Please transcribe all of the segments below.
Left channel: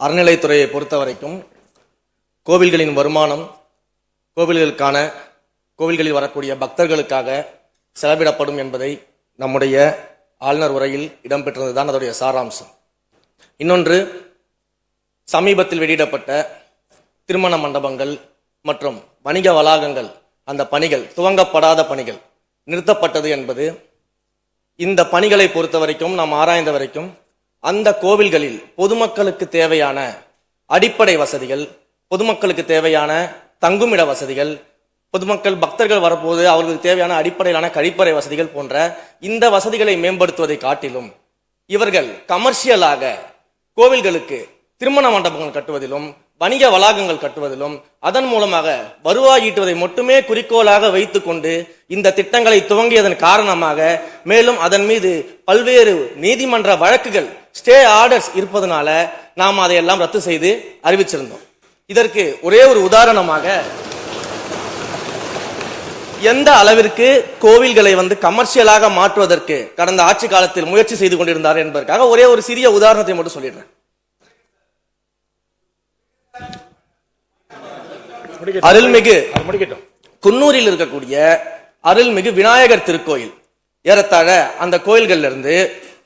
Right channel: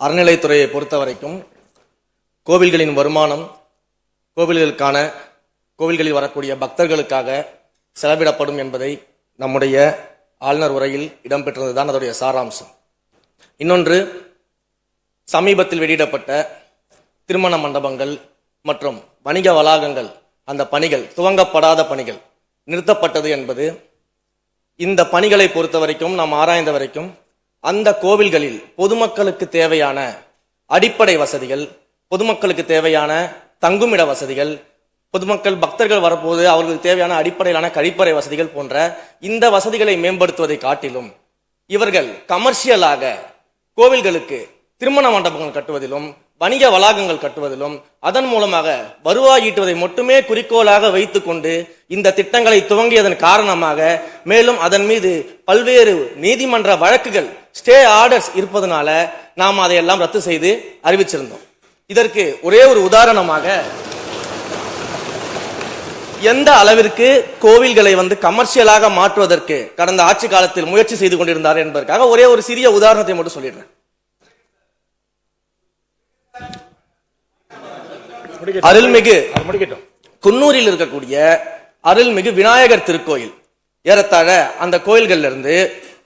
அறநிலைத்துறையை பொறுத்த வரைக்கும் கோவில்களின் வருமானம் கோவில்களில் வரக்கூடிய பக்தர்களுக்காக செலவிடப்படும் என்பதை நம்முடைய ஆளுநர் உரையில் இடம்பெற்றதுதான் அதனுடைய சாராம்சம். இன்னொன்று, சமீபத்தில் வெளியிடப்பட்ட திருமண மண்டபங்கள் மற்றும் வணிக வளாகங்கள் அந்த பணிகள் துவங்கப்படாத பணிகள் நிறுத்தப்பட்டது என்பது இந்த பணிகளை பொறுத்த வரைக்கும் நாம் ஆராய்ந்த வரைக்கும் அந்த கோவில்களில் பொதுமக்களுக்கு தேவையான அடிப்படை வசதிகள், பொதுமக்களுக்கு தேவையான தங்குமிட வசதிகள், பொதுமக்கள் பக்தர்கள் வரப்போது அவர்களுக்கு தேவையான அடிப்படையிலான கழிப்பறை வசதிகள் போன்ற இந்த வசதிகளை மேம்படுத்துவதை காட்டிலும் இவர்கள் கமர்ஷியலாக கோவில்களுக்கு திருமண மண்டபங்கள் கட்டுவதிலும் வணிக வளாகங்கள் கட்டுவதிலும் அதன் மூலமாக வருவாய் ஈட்டுவதை மட்டுமே குறிக்கோளாக வைத்துக் கொண்டு இந்த திட்டங்களை துவங்கியதன் காரணமாக மேலும் அதன் மீது பல்வேறு நீதிமன்ற வழக்குகள் ஸ்டே ஆர்டர்ஸ் இருப்பதனால நாம் அதையெல்லாம் ரத்து செய்து அறிவிச்சிருந்தோம். இதற்கு ஒரே ஒரு உதாரணமாக எந்த அளவிற்கு கோவில்களை கமர்ஷியலாக மாற்றுவதற்கு கடந்த ஆட்சி காலத்தில் முயற்சி செய்து கொண்டிருந்தார் என்பதற்காக ஒரே ஒரு சிறிய உதாரணத்தை மட்டும் சொல்லிடுறேன். அருள்மிகு குன்னூரில் இருக்கக்கூடிய அருள்மிகு விநாயகர் திருக்கோயில் ஏறத்தாழ அந்த கோயில்கள் இருந்து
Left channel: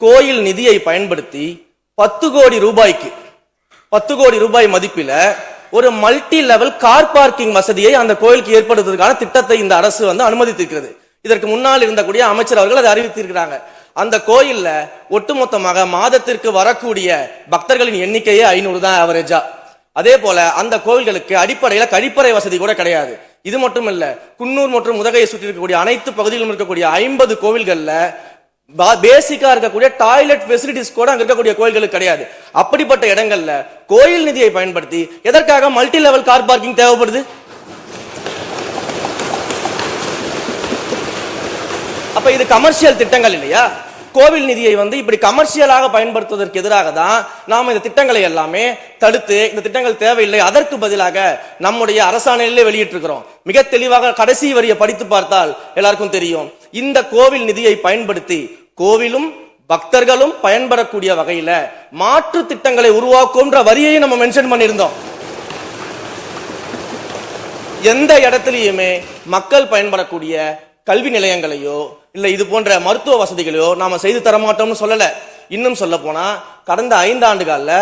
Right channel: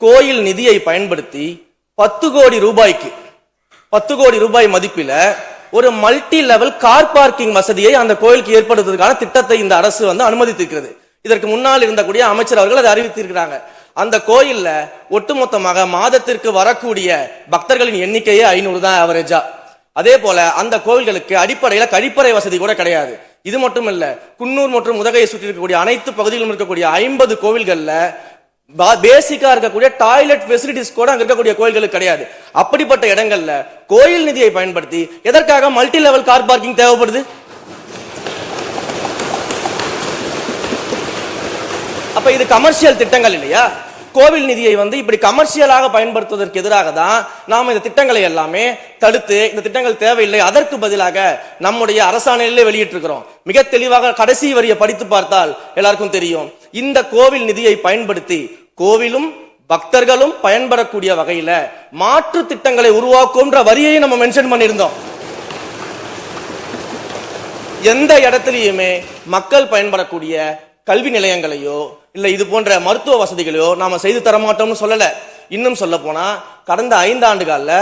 கோயில் நிதியை பயன்படுத்தி 10 கோடி ரூபாய் மதிப்பில ஒரு மல்டி லெவல் கார் பார்க்கிங் வசதியை அந்த கோயிலுக்கு ஏற்படுத்துவதற்கான திட்டத்தை இந்த அரசு அனுமதித்திருக்கிறது. இதற்கு முன்னால் இருந்தக்கூடிய அமைச்சர் அவர்கள் அதை அறிவித்திருக்கிறாங்க. அந்த கோயில்ல ஒட்டுமொத்தமாக மாதத்திற்கு வரக்கூடிய பக்தர்களின் எண்ணிக்கையே 500 தான் ஆவரேஜா. அதே போல அந்த கோவில்களுக்கு அடிப்படையில கழிப்பறை வசதி கூட கிடையாது. இது மட்டும் இல்ல, குன்னூர் மற்றும் உதகையை சுற்றி இருக்கக்கூடிய அனைத்து பகுதிகளிலும் இருக்கக்கூடிய 50 கோவில்கள்ல பேசிக்கா இருக்கக்கூடிய டாய்லெட் ஃபெசிலிட்டிஸ் கூட அங்க இருக்கக்கூடிய கோயில்களுக்கு கிடையாது. அப்படிப்பட்ட இடங்கள்ல கோயில் நிதியை பயன்படுத்தி எதற்காக மல்டி லெவல் கார் பார்க்கிங் தேவைப்படுது? அப்ப இது கமர்ஷியல் திட்டங்கள் இல்லையா? கோவில் நிதியை இப்படி கமர்ஷியலாக பயன்படுத்துவதற்கு எதிராக தான் நாம இந்த திட்டங்களை எல்லாமே தடுத்து இந்த திட்டங்கள் தேவையில்லை, அதற்கு பதிலாக நம்முடைய அரசாணையிலே வெளியிட்டிருக்கிறோம். மிக தெளிவாக கடைசி வரியை படித்து பார்த்தால் எல்லாருக்கும் தெரியும். இந்த கோவில் நிதியை பயன்படுத்தி கோவிலும் பக்தர்களும் பயன்படக்கூடிய வகையில மாற்று திட்டங்களை உருவாக்கும்ன்ற வரியை நம்ம மென்ஷன் பண்ணியிருந்தோம். எந்த இடத்திலையுமே மக்கள் பயன்படக்கூடிய கல்வி நிலையங்களையோ இல்ல இது போன்ற மருத்துவ வசதிகளையோ நாம செய்து தரமாட்டோம்னு சொல்லல. இன்னும் சொல்ல போனா கடந்த 5 ஆண்டுகள்ல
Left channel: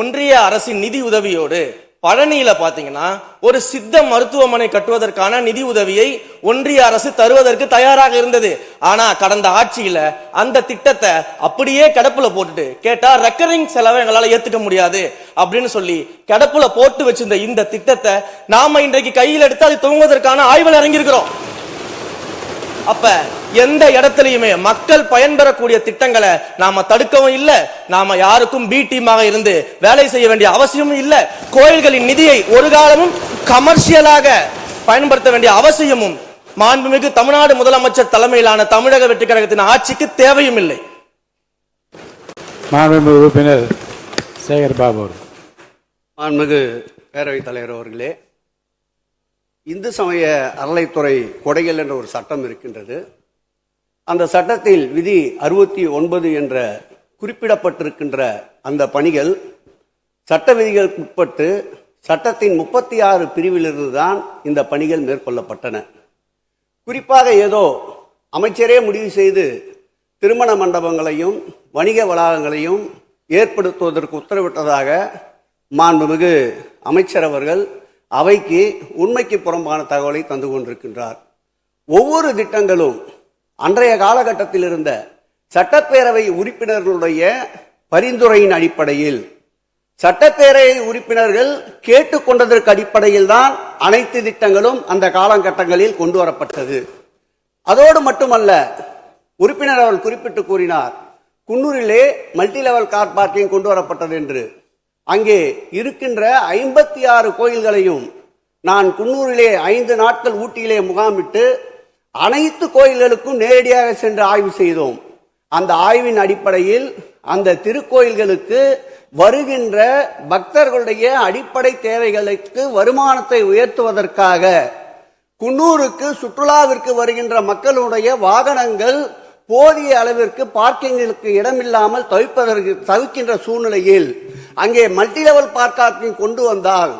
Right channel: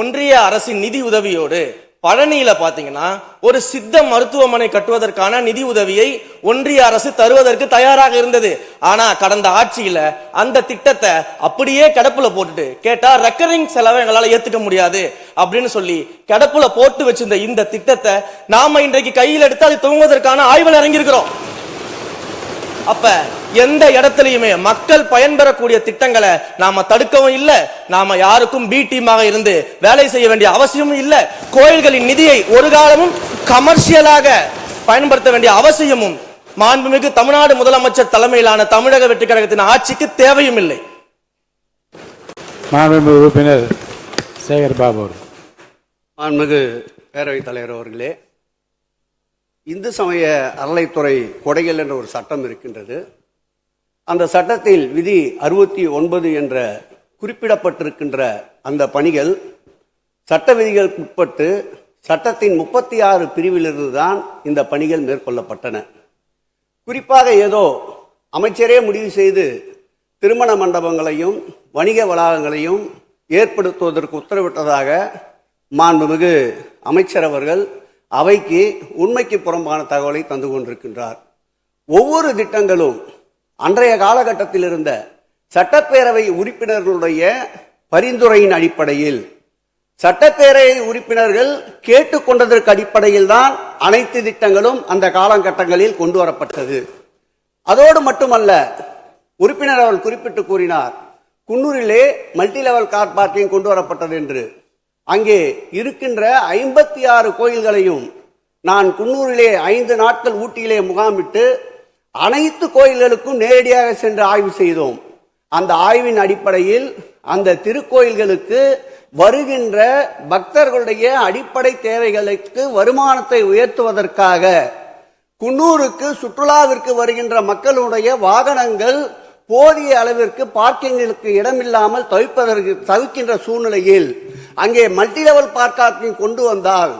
ஒன்றிய அரசின் நிதி உதவியோடு பழனியில பாத்தீங்கன்னா ஒரு சித்த மருத்துவமனை கட்டுவதற்கான நிதி உதவியை ஒன்றிய அரசு தருவதற்கு தயாராக இருந்தது. ஆனா கடந்த ஆட்சியில அந்த திட்டத்தை அப்படியே கிடப்புல போட்டுட்டு கேட்டா ரெக்கரிங் செலவை எங்களால ஏத்துக்க முடியாது அப்படின்னு சொல்லி கிடப்புல போட்டு வச்சிருந்த இந்த திட்டத்தை நாம இன்றைக்கு கையில் எடுத்து அது துவங்குவதற்கான ஆய்வில் இறங்கியிருக்கிறோம். அப்ப எந்த இடத்திலையுமே மக்கள் பயன்பெறக்கூடிய திட்டங்களை நாம தடுக்கவும் இல்ல, நாம யாருக்கும் பி டீமாக இருந்து வேலை செய்ய வேண்டிய அவசியமும் இல்ல. கோயில்களின் நிதியை ஒரு காலமும் கமர்ஷியலாக பயன்படுத்த வேண்டிய அவசியமும் மாண்புமிகு தமிழ்நாடு முதலமைச்சர் தலைமையிலான தமிழக வெற்றி கழகத்தின் ஆட்சிக்கு தேவையும் இல்லை. உறுப்பினர் சேகர் பாபு. மாண்புமிகு பேரவைத் தலைவர் அவர்களே, இந்து சமய அறநிலைத்துறை கொடைகள் என்ற ஒரு சட்டம் இருக்கின்றது. அந்த சட்டத்தில் விதி 69 என்ற குறிப்பிடப்பட்டிருக்கின்ற அந்த பணிகள் சட்ட விதிகளுக்கு உட்பட்டு சட்டத்தின் 36 பிரிவிலிருந்து தான் இந்த பணிகள் மேற்கொள்ளப்பட்டன. குறிப்பாக ஏதோ அமைச்சரே முடிவு செய்து திருமண மண்டபங்களையும் வணிக வளாகங்களையும் ஏற்படுத்துவதற்கு உத்தரவிட்டதாக மாண்புமிகு அமைச்சர் அவர்கள் அவைக்கு உண்மைக்கு புறம்பான தகவலை தந்து கொண்டிருக்கின்றார். ஒவ்வொரு திட்டங்களும் அன்றைய காலகட்டத்தில் இருந்த சட்டப்பேரவை உறுப்பினர்களுடைய பரிந்துரையின் அடிப்படையில் சட்டப்பேரவை உறுப்பினர்கள் கேட்டுக்கொண்டதற்கு அடிப்படையில் தான் அனைத்து திட்டங்களும் அந்த காலகட்டங்களில் கொண்டு வரப்பட்டது. அதோடு மட்டுமல்ல, உறுப்பினர் அவர்கள் குறிப்பிட்டு கூறினார், குன்னூரிலே மல்டி லெவல் கார் பார்க்கிங் கொண்டு வரப்பட்டது என்று. அங்கே இருக்கின்ற 56 கோயில்களையும் நான் குன்னூரிலே 5 நாட்கள் ஊட்டியிலே முகாமிட்டு அனைத்து கோயில்களுக்கும் நேரடியாக சென்று ஆய்வு செய்தோம். அந்த ஆய்வின் அடிப்படையில் அந்த திருக்கோயில்களுக்கு வருகின்ற பக்தர்களுடைய அடிப்படை தேவைகளுக்கு வருமானத்தை உயர்த்துவதற்காக குன்னூருக்கு சுற்றுலாவிற்கு வருகின்ற மக்களுடைய வாகனங்கள் போதிய அளவிற்கு பார்க்கிங்களுக்கு இடமில்லாமல் தவிக்கின்ற சூழ்நிலையில் அங்கே மல்டி லெவல் பார்க்கிங் கொண்டு வந்தால்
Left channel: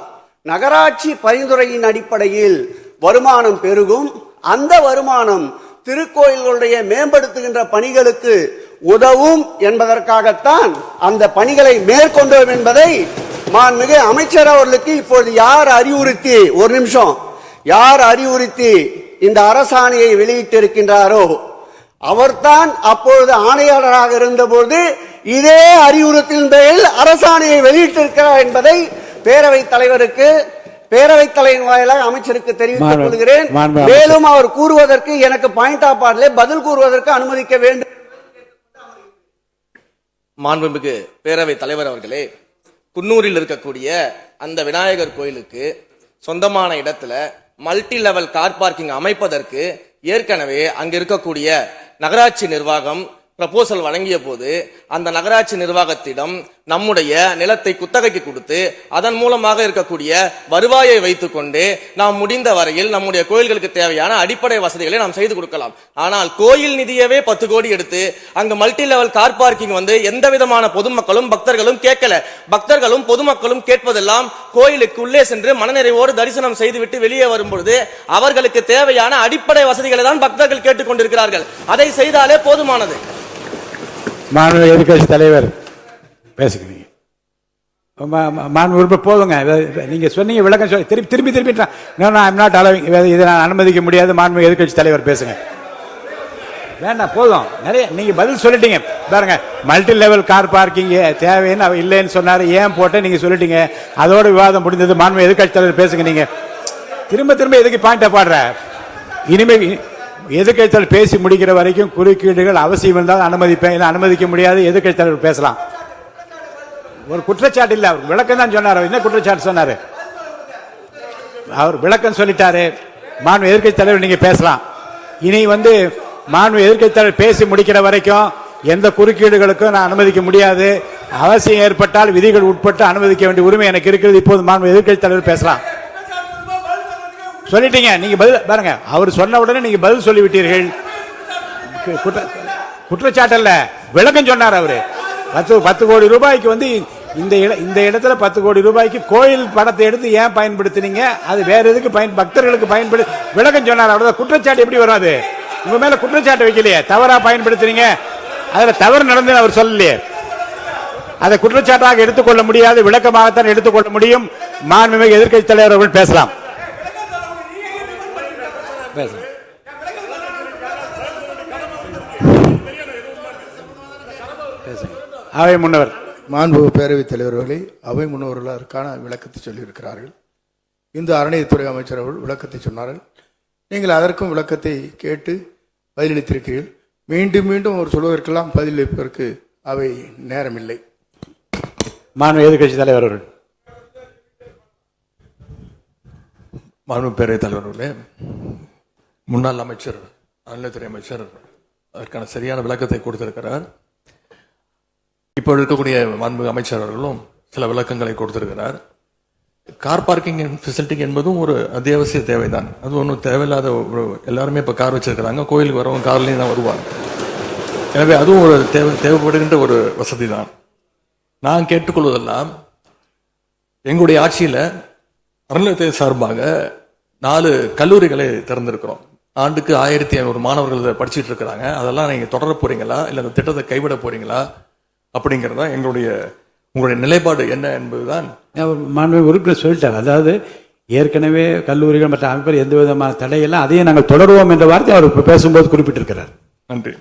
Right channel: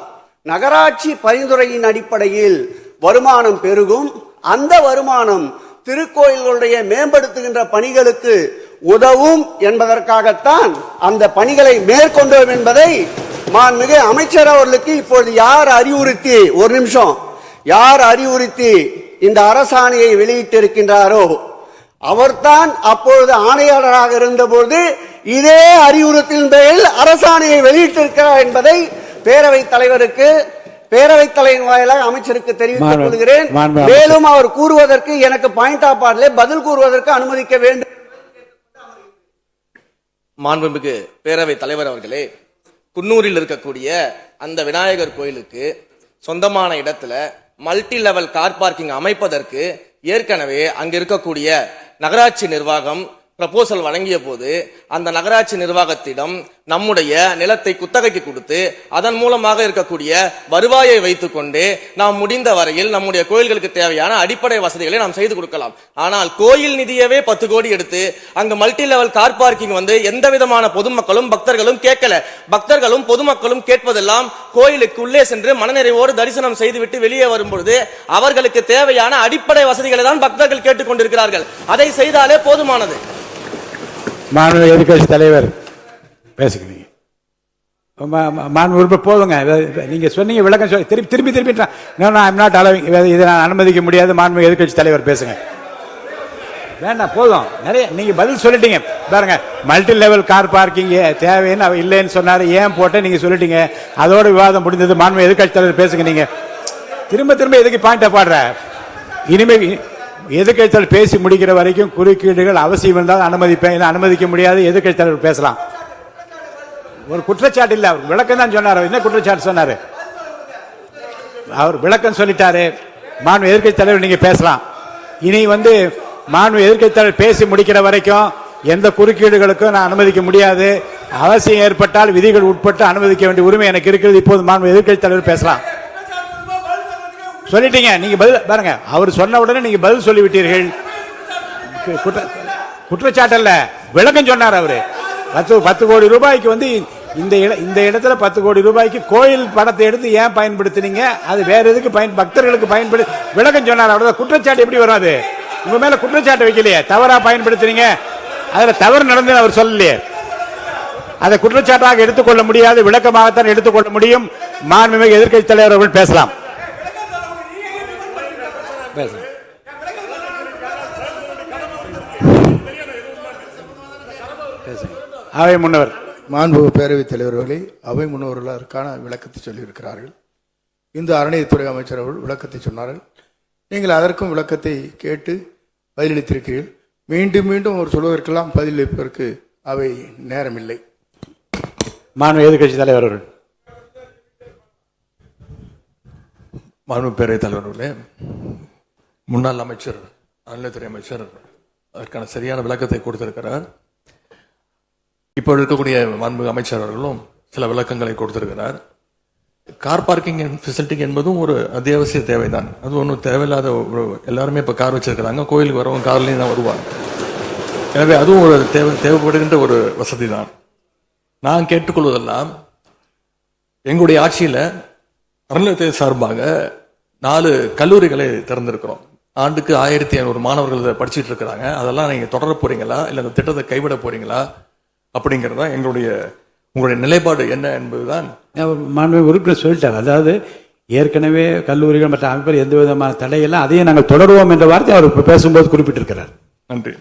நகராட்சி பரிந்துரையின் அடிப்படையில் வருமானம் பெருகும். அந்த வருமானம் திருக்கோயில்களுடைய மேம்படுத்துகின்ற பணிகளுக்கு உதவும் என்பதற்காகத்தான் அந்த பணிகளை மேற்கொண்டோம் என்பதை மாண்புமிகு அமைச்சர் அவர்களுக்கு இப்பொழுது யார் அறிவுறுத்தி, ஒரு நிமிஷம், யார் அறிவுறுத்தி இந்த அரசாணையை வெளியிட்டிருக்கின்றாரோ அவர்தான் அப்பொழுது ஆணையாளராக இருந்தபோது இதே அறிவுறுத்தின் பேரில் அரசாணையை வெளியிட்டிருக்கிறார் என்பதை பேரவைத் தலைவருக்கு, பேரவைத் தலைவர் வாயிலாக அமைச்சருக்கு தெரிவித்துக் கொள்கிறேன். மேலும் அவர் கூறுவதற்கு எனக்கு பாயிண்ட் ஆஃப் ஆர்டர் பதில் கூறுவதற்கு அனுமதிக்க வேண்டும். மாண்புமிகு பேரவைத் தலைவர் அவர்களே, குன்னூரில் இருக்கக்கூடிய அந்த விநாயகர் கோயிலுக்கு சொந்தமான இடத்துல மல்டி லெவல் கார் பார்க்கிங் அமைப்பதற்கு ஏற்கனவே அங்க இருக்கக்கூடிய நகராட்சி நிர்வாகம் ப்ரப்போசல் வழங்கிய போது அந்த நகராட்சி நிர்வாகத்திடம் நம்முடைய நிலத்தை குத்தகைக்கு கொடுத்து அதன் மூலமாக இருக்கக்கூடிய வருவாயை வைத்துக் கொண்டு நாம் முடிந்த வரையில் நம்முடைய கோயில்களுக்கு தேவையான அடிப்படை வசதிகளை நாம் செய்து கொடுக்கலாம். ஆனால் கோயில் நிதியவே 10 கோடி எடுத்து அங்கு மல்டி லெவல் கார் பார்க்கிங் வந்து எந்த விதமான பொதுமக்களும் பக்தர்களும் கேட்கல. பக்தர்களும் பொதுமக்களும் கேட்பதெல்லாம் கோயிலுக்கு உள்ளே சென்று மனநிறைவோடு தரிசனம் செய்துவிட்டு வெளியே வரும்பொழுது அவர்களுக்கு தேவையான அடிப்படை வசதிகளை தான் பக்தர்கள் கேட்டுக் கொண்டிருக்கிறார்கள். அதை செய்தாலே போதுமானது. மாநில எதிர்கட்சி தலைவர் பேசுகிறீங்க. மாண்பு போதுங்க. நீங்க சொன்னீங்க விளக்கம் சொல்லி திருப்பி இதை நான் அனுமதிக்க முடியாது. மாண்பு எதிர்கட்சி தலைவர் பேசுங்க. வேண்டாம், போதும். நிறைய நீங்க பதில் சொல்லிட்டீங்க பாருங்க. மல்டி லெவல் கார் பார்க்கிங் தேவைன்னு இல்லைன்னு சொன்னாரு, ஏன் போட்டு நீங்க சொல்லிட்டீங்க. அதோட விவாதம் முடிந்தது. மாண்பு எதிர்கட்சி தலைவர் பேசுங்க. நீங்க திரும்ப எதுக்கு பாயிண்ட பாடுற? இனிமே எதிர்கட்சியாளர் பேசி முடிக்கிற வரைக்கும் குறுக்கீடுகள் அவசியம் இருந்தால் அனுமதிப்பேன், அனுமதிக்க முடியாது. எதிர்கட்சியாளர் பேசலாம். ஒரு குற்றச்சாட்டு இல்ல, அவர் விளக்கம் தான் சொன்னார். என்ன குற்றச்சாட்டு சொன்னாரு? அவர் விளக்கம் சொல்லிட்டாரு. மாண்பு எதிர்கட்சி தலைவர் நீங்க பேசலாம். இனி மாண்பு எதிர்கட்சி தலைவர் பேசி முடிக்கிற வரைக்கும் எந்த குறுக்கீடுகளுக்கும் நான் அனுமதிக்க முடியாது. அவசியம் ஏற்பட்டால் விதிகள் உட்பட்டு அனுமதிக்க வேண்டிய உரிமை எனக்கு இருக்கிறது. இப்போது மாண்பு எதிர்கட்சி தலைவர் பேசலாம். சொல்லிட்டீங்க. நீங்க பதில் பாருங்க. அவர் சொன்ன உடனே நீங்க பதில் சொல்லிவிட்டீர்கள். குற்றச்சாட்டு அல்ல, விளக்கம் சொன்னார் அவரு. 10 கோடி ரூபாய்க்கு இந்த இடத்துல 10 கோடி ரூபாய்க்கு கோயில் படத்தை எடுத்து ஏன் பயன்படுத்தினீங்க, அது வேற எதுக்கு பக்தர்களுக்கு பயன்படுத்தி விளக்கம் சொன்னார். அவ்வளவுதான். குற்றச்சாட்டு எப்படி வராது? உங்க மேல குற்றச்சாட்டு வைக்கலையே, தவறா பயன்படுத்தினீங்க, அதுல தவறு நடந்து அவர் சொல்லலையே. அதை குற்றச்சாட்டாக எடுத்துக்கொள்ள முடியாது, விளக்கமாகத்தான் எடுத்துக்கொள்ள முடியும். மாண்புமிகு எதிர்க்கட்சி தலைவர் அவர்கள் பேசலாம். அவை முன்னவர். மாண்பு பேரவைத் தலைவர்களே, அவை முன்னவர்கள் அதற்கான விளக்கத்தை சொல்லியிருக்கிறார்கள். இந்து அறநிலையத்துறை அமைச்சர் அவர்கள் விளக்கத்தை சொன்னார்கள். நீங்கள் அதற்கும் விளக்கத்தை கேட்டு பதிலளித்திருக்கிறீர்கள். மீண்டும் மீண்டும் ஒரு சொல்வதற்கெல்லாம் பதிலளிப்பதற்கு அவை நேரமில்லை. மாண்பு எதிர்க்கட்சி தலைவர் அவர்கள். மாண்பு பேரவைத் தலைவர்களே, முன்னாள் அமைச்சர், அறநிலையத்துறை அமைச்சர் அதற்கான சரியான விளக்கத்தை கொடுத்திருக்கிறார். இப்போ இருக்கக்கூடிய மாண்பு அமைச்சர் அவர்களும் சில விளக்கங்களை கொடுத்திருக்கிறார். கார் பார்க்கிங் ஃபெசிலிட்டி என்பதும் ஒரு அத்தியாவசிய தேவைதான். அது ஒன்றும் தேவையில்லாத எல்லாருமே இப்போ கார் வச்சிருக்கிறாங்க. கோயிலுக்கு வரவங்க கார்லேயும் தான் வருவாங்க. எனவே அதுவும் ஒரு தேவைப்படுகின்ற ஒரு வசதி தான். நான் கேட்டுக்கொள்வதெல்லாம், எங்களுடைய ஆட்சியில் அறநிலையத்துறை சார்பாக 4 கல்லூரிகளை திறந்திருக்கிறோம். ஆண்டுக்கு 1500 மாணவர்கள் படிச்சுட்டு இருக்கிறாங்க. அதெல்லாம் நீங்க தொடர போறீங்களா, இல்ல அந்த திட்டத்தை கைவிட போறீங்களா அப்படிங்கறத உங்களுடைய நிலைப்பாடு என்ன என்பதுதான். மாண்பு உறுப்பினர் சொல்லிட்டார். அதாவது ஏற்கனவே கல்லூரிகள் மற்ற அமைப்பில் எந்த விதமான தடையெல்லாம் அதையும் நாங்கள் தொடருவோம் என்ற வார்த்தை அவர் பேசும்போது குறிப்பிட்டிருக்கிறார். நன்றி.